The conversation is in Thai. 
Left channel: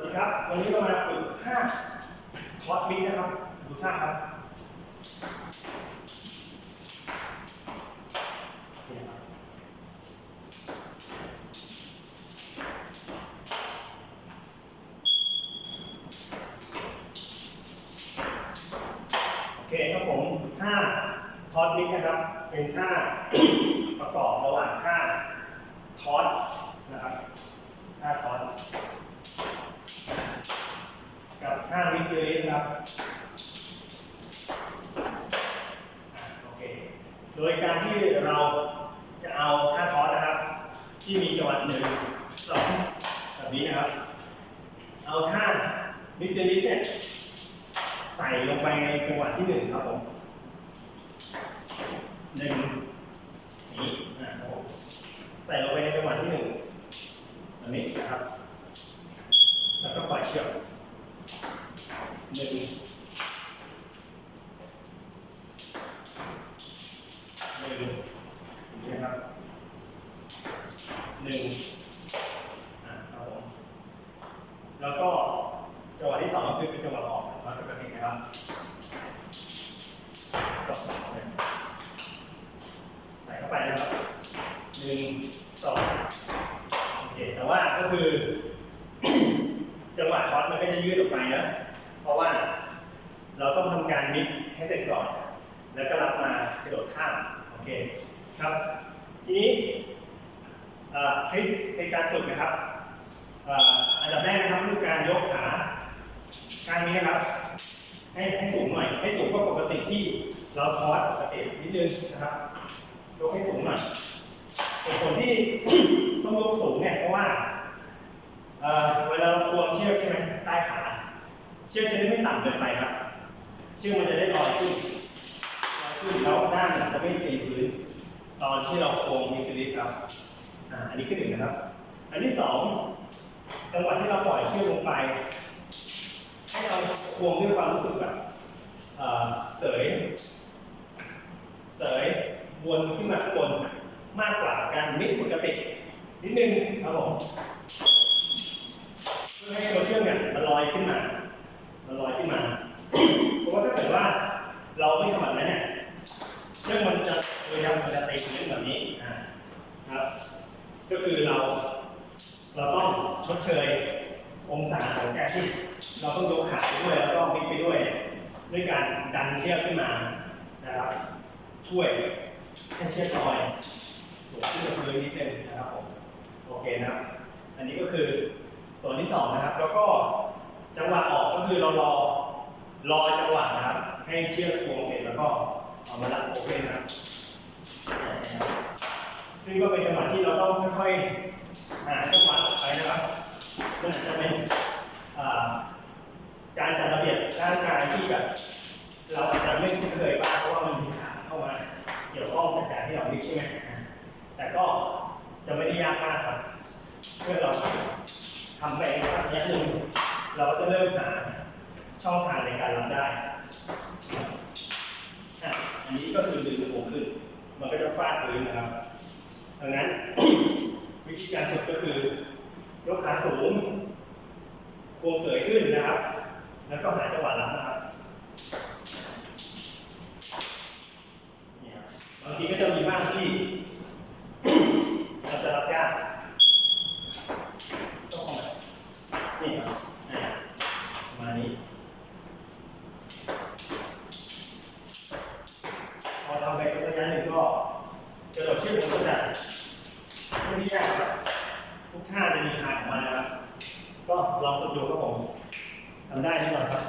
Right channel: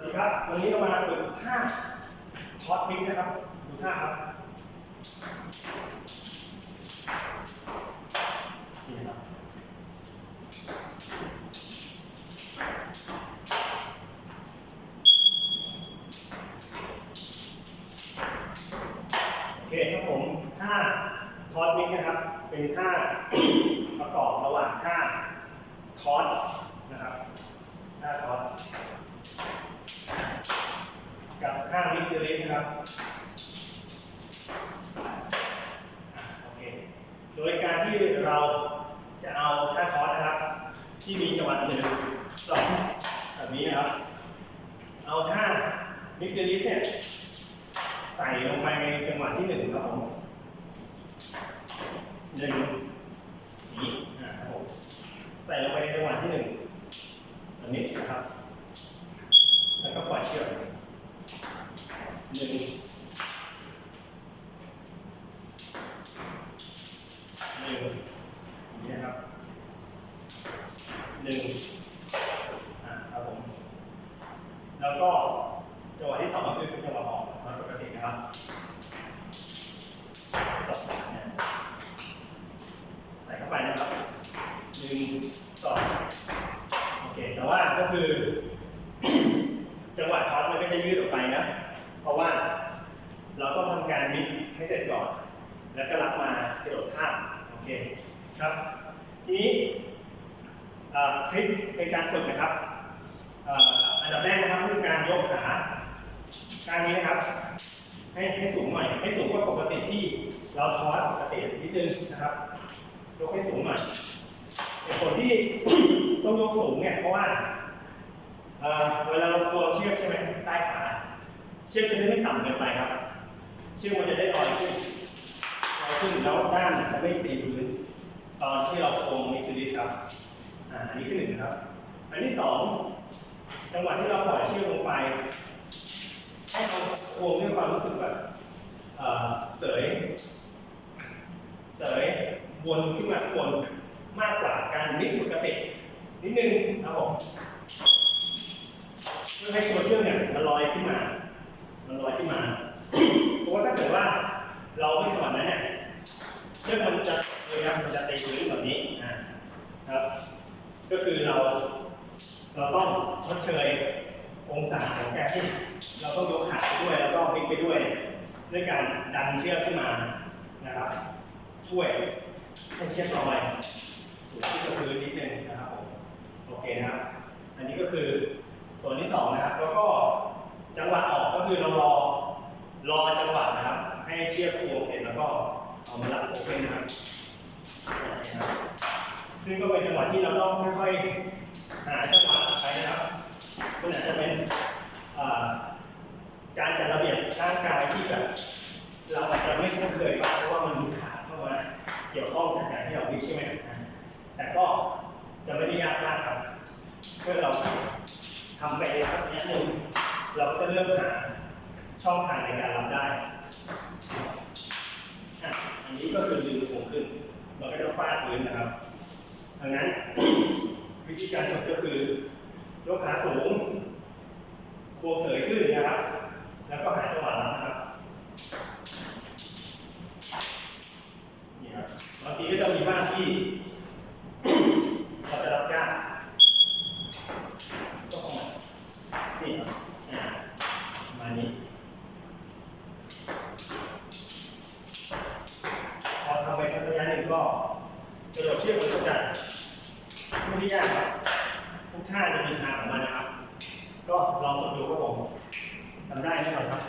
วัสดีครับ วันนี้เรามาฝึกท่าทอดมิกนะครับ ดูท่าครับ นี่นะครับ โอเคครับผม ท่าทอดมิกนะครับ เป็นท่าประกอบระหว่างท่าทอดนะครับ ท่าทอดบท่า มิกซ์ซีรีส์ครับโอเคโดยการที่เราจะเอาท่าทอสนะครับ ที่มีจังหวะหนึ่งสองแบบนี้นะครับ เอาท่ามิกซ์ซีรีส์เนี่ยใส่ลงไปในจังหวะที่หนึ่งครับผมหนึ่งนี้นะครับผมใส่ลงไปในจังหวะที่หนึ่งแบบนี้นะครับ แล้วก็ปล่อยเชือก หนึ่งหนึ่งอย่างนี้นะครับหนึ่งอะครับผม แล้วก็จังหวะที่สองก็คือเป็นจังหวะออกทอนปกตินะครับจบเนี่ยใส่เข้าไปนะครับหนึ่งสองโอเค แต่ว่าก็คือ จังหวะทอดมันก็จะยืดออกไปนะ เพราะว่าเราต้องทำการมิกให้เสร็จก่อน แล้วก็รับมากระโดดข้ามโอเคครับ ทีนี้เอ่อทริคในการฝึกนะครับอันดับแรกนะครับ การยกขาการนี้นะครับ ให้ให้สูงหน่อย ให้สูงกว่าปกติที่เราทอดปกตินิดนึงนะครับ ยกให้สูงหน่อยเหตุผลที่ต้องยกสูงเนี่ยเพราะว่าเอ่อเวลาเราควงเชือกใช่ไหมใต้ขา เชือกจะได้ไม่ต่ำเกินไปครับ เชือกมันจะได้ลอยขึ้นลอยขึ้นแล้วด้านจะไม่ตีพื้น ตอนที่เราโควงมีซีรีส์ครับ อ่าอันนี้คือหนึ่งนะครับ อันที่สอง จังหวะที่เราปล่อยเชือกลงไป ให้เราควงด้วยความรู้สึกแบบเออเสย เสยวนขึ้นมาข้างบนมากกว่าการนิดปกตินิดนึงครับผมเพื่อให้ตัวเชือกเนี่ยมันลอยขึ้นมา มันลอยขึ้นมา เพราะว่าถ้าเกิดว่าเราไม่ทำแบบนั้นเนี่ย เชือกมันจะเลยครับมันจะตีพื้นแบบนี้อ่าครับ ก็คือเรา เราต้องชดเชยองศาของการที่เราต้องยกขาไปด้วยแล้วก็มิกไปด้วย ด้วยการดันเชือกขึ้นมานะครับ ช่วยให้เชือกลอยสูงขึ้นกับพื้นนิดนึงนะครับผมโอเคนะครับ อันนี้ก็คือส่วนที่สองนะครับ แล้วก็จังหวะออกก็คือเรารอรอจังหวะนะครับ ให้เชือกควงเสร็จแล้วก็เอามาลัดโอเคนะครับนะครับซึ่งก็เป็นจังหวะที่เราต้องค่อยๆ หาจังหวะออกไปนะครับมันอาจจะเป็นการจัดระเบียบร่างกายที่แบบเราอาจจะไม่คุ้นเคยบ้างเพราะว่ามันมีขาเข้ามาเกี่ยวข้องจากการที่เราวิ่งใช่ไหมแต่ก็จะไม่ได้ยากมากครับเมื่อเราทำไปสักระยะหนึ่งเราก็จะเริ่มหาช่องทางในการรับได้อันนี้ก็คือดึงหัวขึ้น มันก็จะฟาดพื้นนะครับดังนั้น วิธีการฝึกก็คือยกขาสูงควงเสยขึ้นนะครับ แล้วก็หาจังหวะรับนะครับนี่ครับบางทีก็จะมีบ้างที่ เราจะรับยาก ก็คงแบบนี่ครับอ่าประมาณนี้ พอทำไปสักระยะหนึ่งก็กระโดดเชือกมันก็จะไม่ได้ยากครับ ทุกท่าจะมีทางของมันนะครับ ก็ลองฝึกดูครับผมทำได้แน่นอนครับ